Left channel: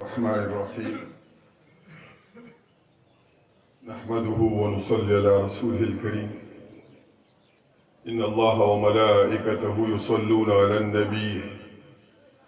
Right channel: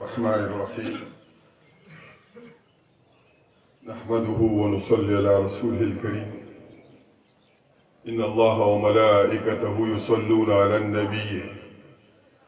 الرحمن الرحيم نحمده ونصلي على رسوله الكريم إن الله وملائكته يصلون على النبي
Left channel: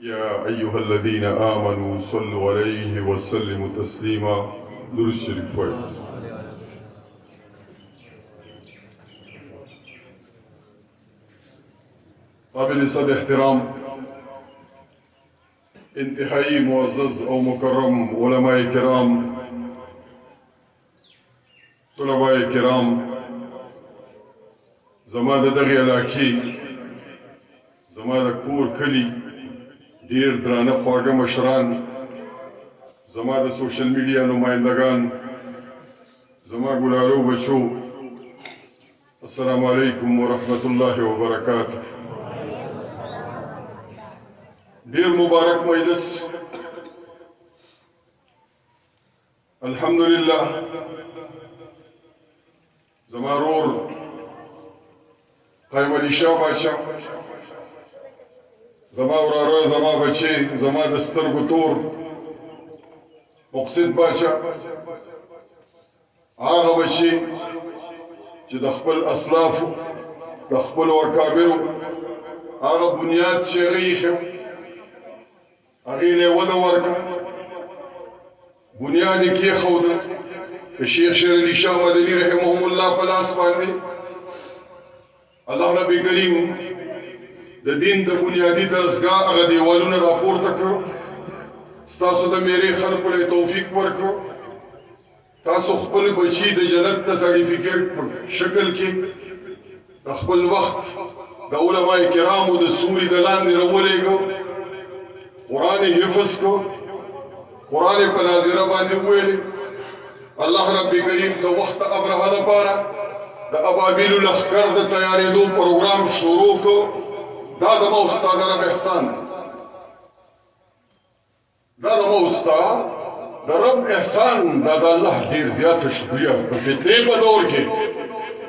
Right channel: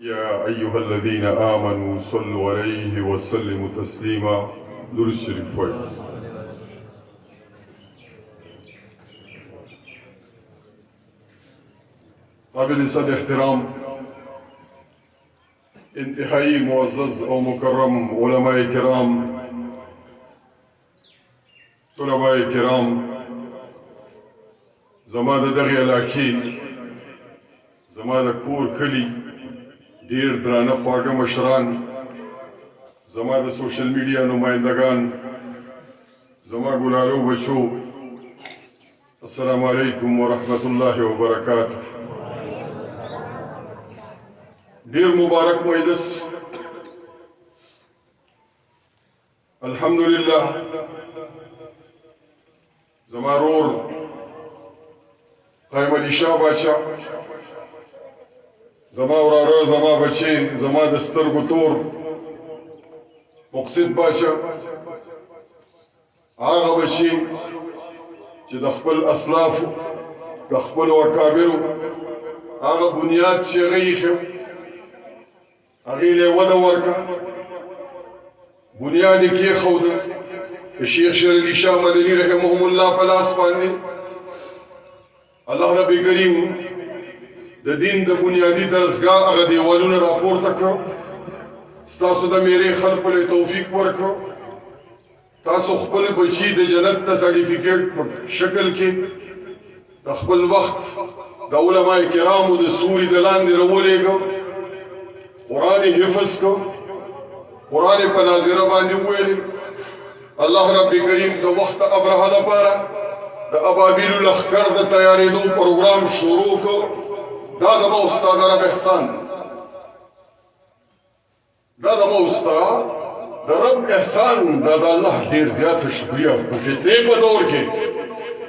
يا أيها الذين آمنوا صلوا عليه وسلموا تسليما. درود شریف پڑھ. قابل صد احترام انتہائی معزز و مکرم علماء کرام، طلباء کرام، زما د دغې علاقې زما د کور کلي ډېر درانه خواږه مشران، زما د سوشل میډیا نمایندګان، زما ګلالو بچو، السلام علیکم ورحمت الله وبرکاته. ډېر مبارک مجلس، الحمدلله. زما رور قیم علي شاه باچا، زما وراره، زما بچې، زما د سترګو تور مقصد باچا، هغه بچې چې د خپل اسلافو د خپلو اکابرو هغه بنیاد چې هغه ایښی هغې له یې وده ورکړه، بنیاد یې کېښوده د شیخ شیر علي شاه مدني رحمهم الله په لاس باندې. الله رب کریم د دین د بنیادي درسګاه هغه دیوالونه راپورته کړه، ستاسو د میرې خلکو له توفیق ورکړه، تاسو خپل بچي د جنت د سرټیفیکیټ په شکل کې د خپل وخت د علماء کرامو د سوري د لاندې راولېږه، قرآن حفظ کو، قرآن په ناظره باندې وویلې. الله رب کریم د وخت ابرهه لپاره د ابابیلو لښکر د تیارېدو پروګرام شروع کو. دا زما استاد رب احسان، دا زما استاد د رب احسان، دا د الله ډېر زیاته شکریه. په فتنې په دور کې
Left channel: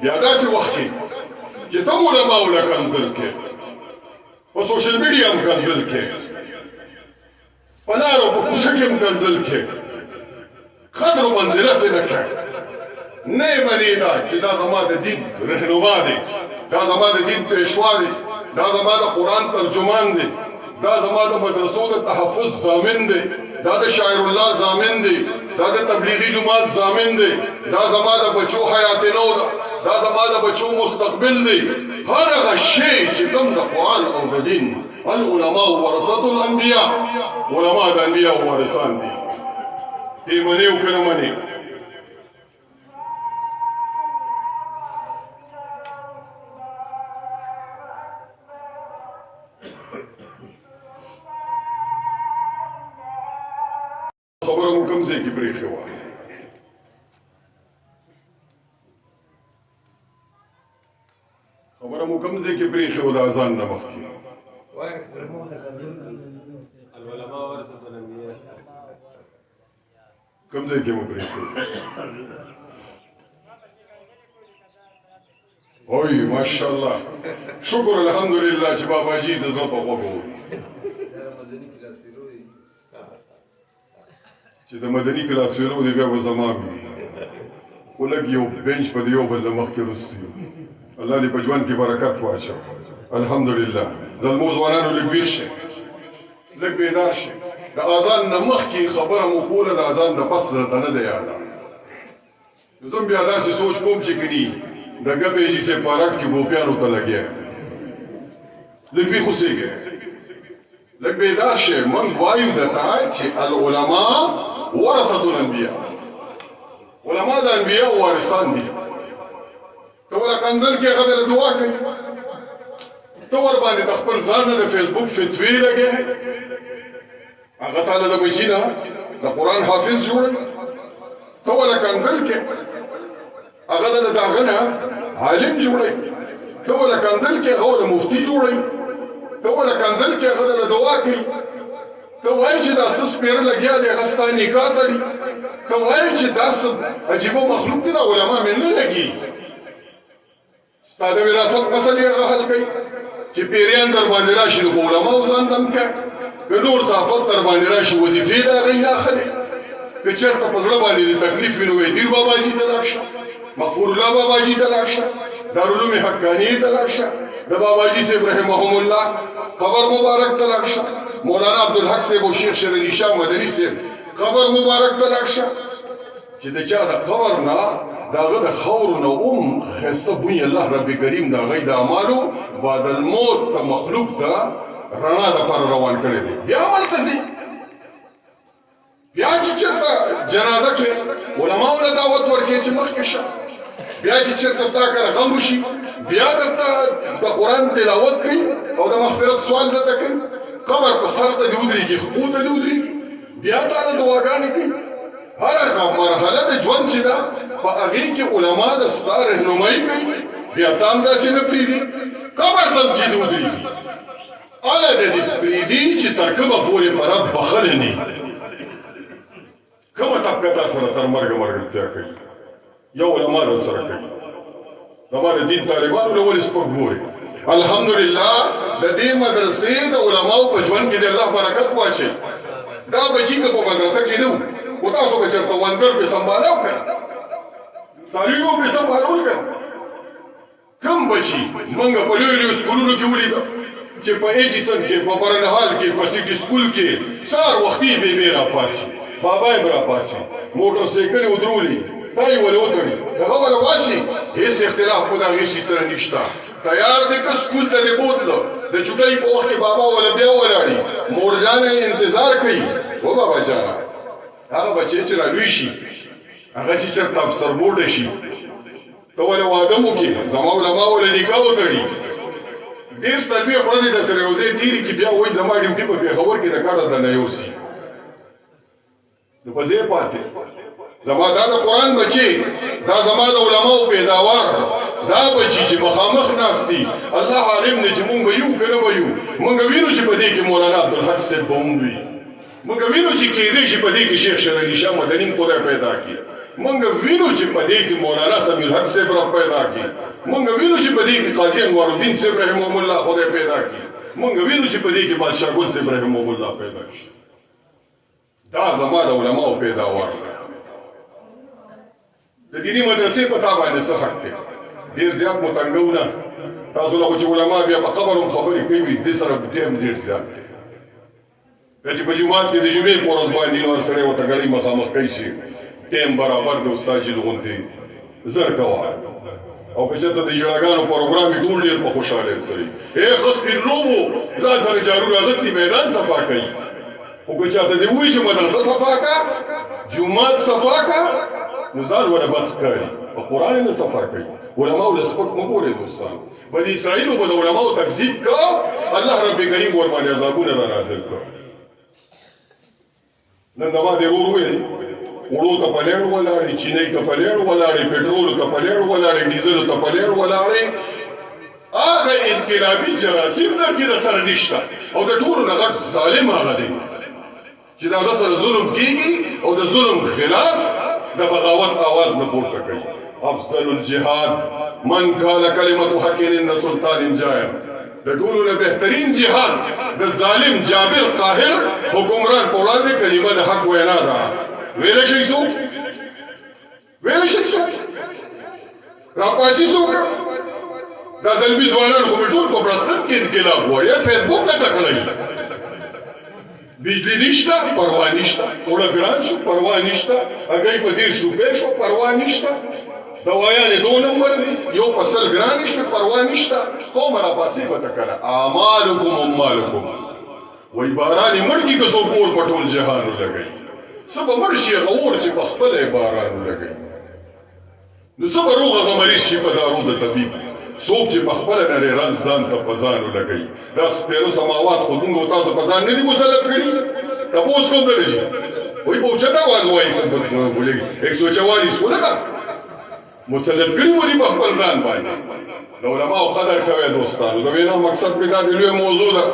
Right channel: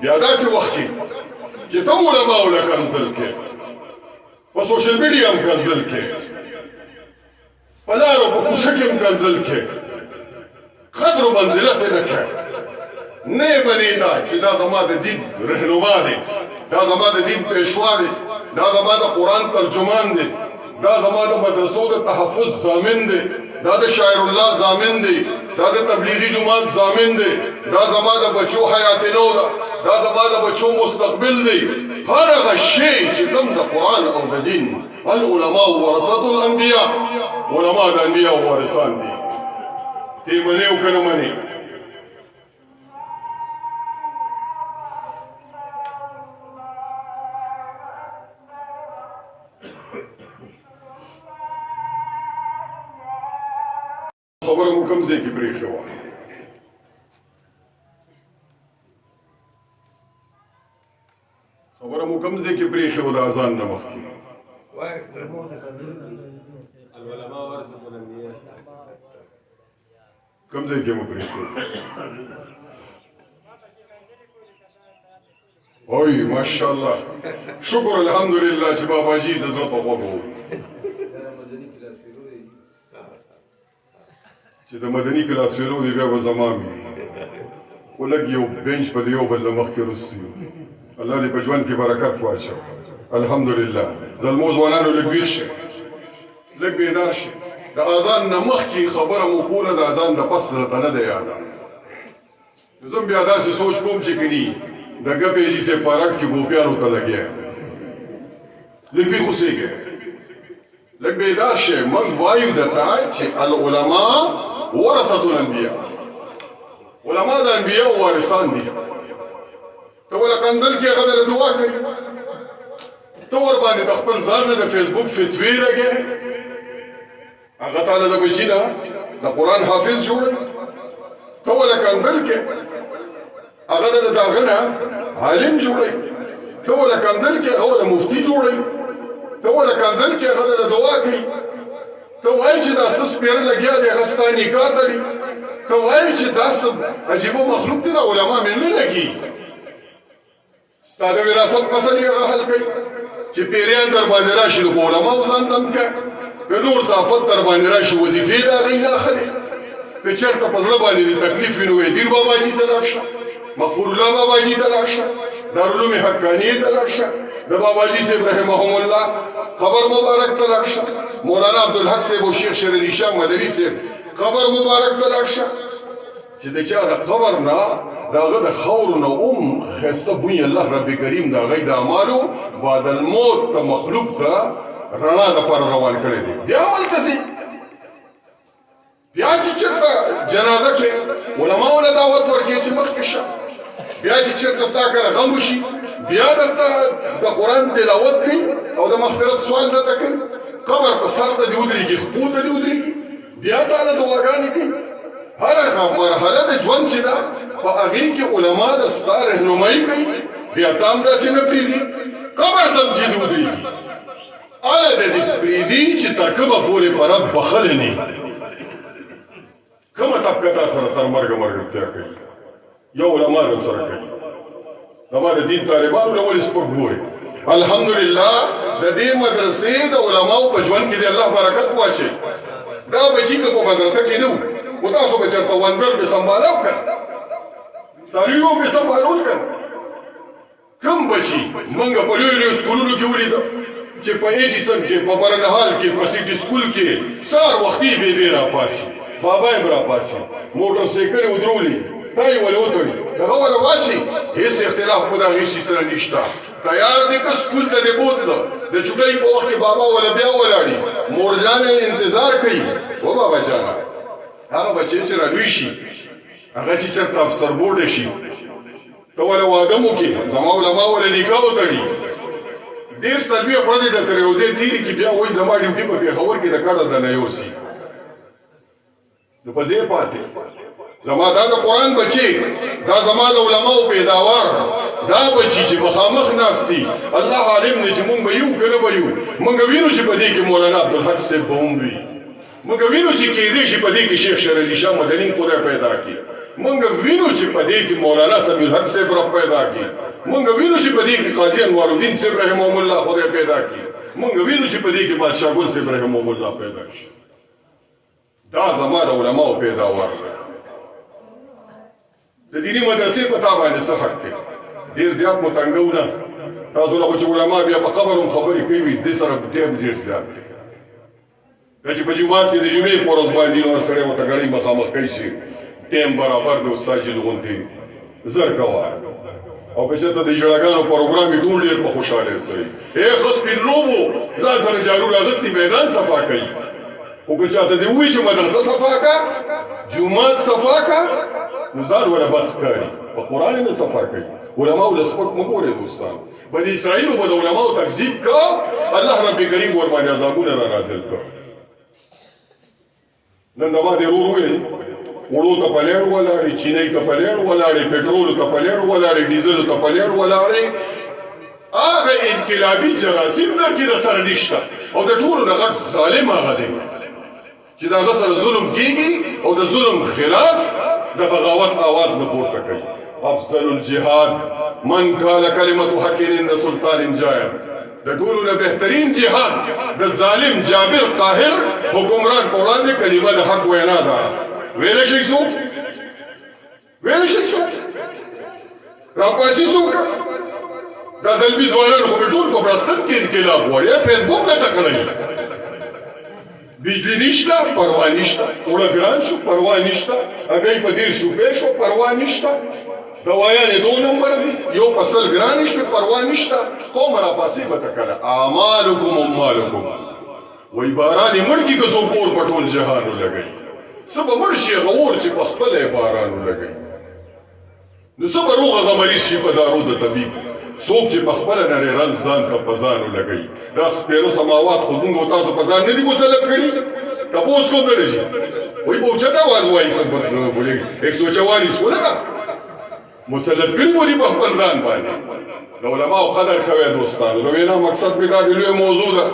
بیا داسې وخت کې چې ته علماو له کنځل کې، په سوشل میډیا هم کنځل کې، په لارو په کوڅه کې هم کنځل کې، قدر و منزلت یې نه کړ. نه یې بلېده چې دا زما د دین رهنما دی، دا زما د دین پیشوا دی، دا زما د قرآن ترجمان دی، دا زما د مدرسو د تحفظ ضامن دی، دا د شاعر الله ضامن دی، دا د تبلیغي جماعت ضامن دی، دا زما د بچو حیات نو ده، دا زما د بچو مستقبل دی. هر هغه شی چې کوم د قرآن او د دین، العلماء ورثة الانبیاء، علماء د انبیاء وارثان دي. تی منې او که نه منې؟ خبره مو کوم ځای کې پرېښې وه؟ خبره مو کوم ځای کې پرېښې وه د اذان نه مخکې؟ کوم ځای کې مو پرېښې وه؟ اوی ماشاءالله، شکر الحمدلله چې باباجي د زړه په غوږ ووت چې د مدني کلاس فیرو دی، بیا به زما وي. خو لږ یو بینچ په د یو بل نه مخکې وروسته یو. الله دې په ژوند کې برکت واچوي. الحمدلله. زلمو ځوانانو لږ ویښ شئ، لږ بیدار شئ. د اذان نه مخکې خبره مو کوله، د اذان نه پس درته نه دی یاده. زه هم بیا داسې سوچ کوم چې کني د ګپې جي سي پارک کې ګوپیانو ته لګیا یم. لږ ویښ اوسېږئ، لږ بیدار شئ. موږ وایو درته چې العلماء ورثة الانبیاء، علماء د انبیاء وارثان دي. ته ورله کنځل کې هغه درله دعا کوي، ته ورباندې د خپل ځان نه د فیسبوک فتوې لګې، هغه تاله د بچي نه د قرآن حافظ جوړوي. ته ورله کنځل کې هغه د هغه نه عالم جوړوي، ته ورله کنځل کې هغه د مفتي جوړوي، ته ورله کنځل کې هغه درله دعا کوي. ته وایې چې دا څه سپېره لګیا دی، هغه ستا نکاح تړي. ته وایې چې دا څه عجیبه مخلوق دی، دا علما مې نه لګي. ستا د وراثت مسلې هغه حل کوي چې پیریان در باندې راشي، نو په علماو ځان دم کړه. که نور صافت در باندې راشي وظیفې د هغوی نه اخلي که چېرته په زړه باندې د تکلیف وي نو دیر باباجي ته لاړ شه مغفور الله باباجي ته لاړ شه دارالعلوم حقانیې ته لاړ شه د باباجي صاحب رحمهم الله قبر مبارک ته لاړ شه مولانا عبدالحق صاحب او شیخ شیر علي شاه مدني صاحب قبر مبارک ته لاړ شه چې د چا د قبر نه د هغه د خاورو نه ښایسته بوی الله رب کریم د هغوی د اعمالو بعد الموت د مخلوق ته رڼا دپاره روان کړی دی بیا هلته ځي بیا چې چېرته جنازه کې علماو له دعوت ورکړي چې مخکې شه بیا چې چېرته ستا کله غم وشي بیا درته د قرآن تلاوت کوي او د مغفرت سوال درته کوي قبر ته سر ته دې ودرېږي خپو ته دې ودرېږي بیا تاله دعاګانې کوي هره مرحله د ژوند چې ده په هغې کې علما د ستا رهنمایي کوي بیا تا هم داسې نه پرېږدي قبر ته هم چې دې ودرېږي هله د دې پرېږدي چې تر کومه پورې په رب بخلې نه کومه طبقه تا سره تر مرګه ملګرتیا کوي یو علما در سره کوي زما د دین طالبانو له ولې سپک ګوري الحمدلله د دې مدرسې د علماو په ژوند کې د الله برکت واچوي دا بچي که په مدرسه کې نه خو تاسو به چېرته وندر پې سنبالاو که څاروي به پې سنبالول که کوم بچي موږ په لویو لویو سکولونو کې ولیده چې په ایچیسن کې په برنهال کې په سیټي سکول کې سهار وختي بېبې راپاسي بابا یې به راپاسي موټر سایکلې ودرولي تا یې ولې وتړي دغه به راباسي هېڅ اختلاف په د هغې شي سره نشته تیار دی که سکول ته دې بوتله د چوټۍ په وخت کې بابا وله بیا ولاړي مورجانه یې انتظار کوي و بابا جانه هغه بچی چې رالوی شي هغه چې چېرته افسر بورډه شي ته ولې واده مو کې زما علما ولې نکاح وتړي دېرش څلوېښت ورځې د سره یو ځای تېرې کړي بیا وایي زما ډیوټي په پېښور کې د کډه د نه یوسي نو په ځای پاتې زما دا د قرآن بچی دا زما د علماو پیداوار دا بچی چې مخامخ ناست دي الله عالم دی چې مونږ به یو که نه به یو مونږ وینو چې په دې کې مولانا عبدالحق صاحب به هم وي مونږ وینو چې کېدی شي په دې کې شیخ شیر علي شاه مدني خدای پیدا کړي مونږ وینو چې په دې کې مولانا سمیع الحق صاحب را پیدا کړي مونږ وینو چې په دې کې قاضي انوار الدین صاحب رحمهم الله خدای پیدا کړي مونږ وینو چې په دې کې بادشاه ګل صاحب رحمهم الله پیدا کړي دا زما د علماو پیداوار د دیني مدرسې په تا باندې څه حق دی ډېر زیات مو تنګو نه تاسو له چې علما بیا په قبر هم خبرې کوي دې سره ټیم ډېر زیات دی چې په جومات کې د جمعې په ورځ باندې نور سړی ورته ګړۍ مخامخ کوي چې ټیم برابر د استاد جیل غوندې زر کوه او که چېرته د ژړاګانو پروګرام یې ټول ډېر په خوشحالۍ سره وي ښه سپین لوبو ځان سره جارو راغستې میدان صفا کوي خو که چاته دې ووایي چې مدرسه صفا کړه جومات صفا کړه نو ځان ورته بد ښکاري په قرآن یې نه صفا کوي علماو له سپک مه ګورئ دوستان بني اسرائیلو به د علماو تکذیب که الله رب کریم ورباندې عذابونه را نازل کړه نن زما د ورور ویلې وړو ته په لیړ ولاړې چینۍ ته په لیړ ولاړې پټرولو ته په لیړ ولاړې ډیزلو ته په لیړ ولاړې هغه انقلابي جراثیم در کې د سره نشته او د ټولو نه غټ ظالم هغه دی چې د هغه سره ظلم کېږي او د ظلم خلاف د بغاوت آواز نه پورته کوي افضل الجهاد من قال کلمة حق عند سلطان جائر د ټولو نه بهترین جهاد د ظالم جابر قاهر حکمران په وړاندې کلمه د حق وینا ده ویلی شئ څوک ویلی شئ څوک راپاسي څوک دا زلمي ځوانان خو مې ټول په برستن کې انقلاب وایي فیسبوک نه تکړی بجلی نشته پروا نشته اوړه ګران شو پروا نشته هګۍ په 10 روپۍ شو پروا نشته دوايانې 2 نمبر دي یو په سل ګران نشته پروا نشته قوم راپاسې به ته کله اعمالکم اموالکم وایي باران یې مړ کړي که څوک اور په ټول جهان ولګوي څه به مړ شي هغه اور چې په خپله یې باران ولګوي نو څه به روغه غمریز شي په دارو د طبیب څوک چې په خپله نړۍ رنځ ځان ته په ځان ولګوي دا سپېره سماوات خو موږ او تاسو په ځان نه دي مسلط کړي تپوس کوم نه شي وایي په اوچته اواز وایي څه بولېږي 144 خو نه ده مسلط کړي مو دي په خپل ځان باندې د علماو قدر کوئ دوستانو د وینا مقصد مې دا د لویه موضوع ده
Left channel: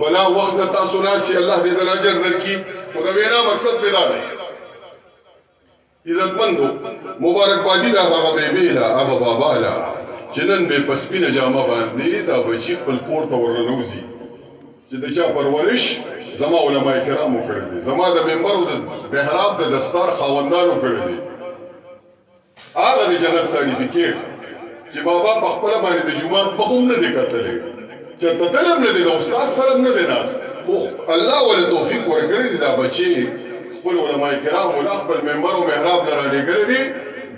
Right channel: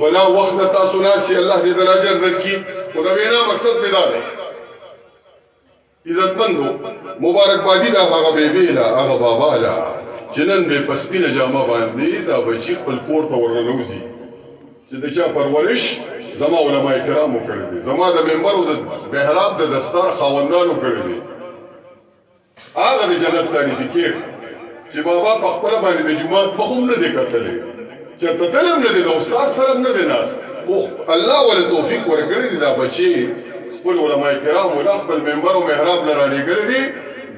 بلا وخت نه تاسو ناستي الله دې د اجر درکړي خو د وینا مقصد مې دا دی عزتمندو مبارکبادي د هغه بیبي له هغه بابا له چې نن به په سپینه جامه باندې دا بچي خپل کور ته ورننوځي چې د چا پرورش زما علماء کرامو کړی دی زما د منبر او د محراب د دستار خاوندانو کړی دی هغه د جنت سرټیفیکیټ چې بابا په خپل باندې د جمعات په هم نه دی کتلی چېرته تللی هم نه دی د استاد سره هم نه دی ناست خو الله ولې توفیق ورکړی دی دا بچې خپل علماء کرامو له خپل منبر او محراب نه رالېږلی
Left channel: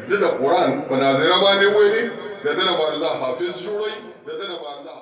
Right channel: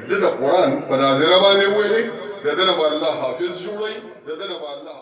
دی د قرآن په ناظره باندې وویلې د ده نه به الله حافظ جوړوي د ده نه به الله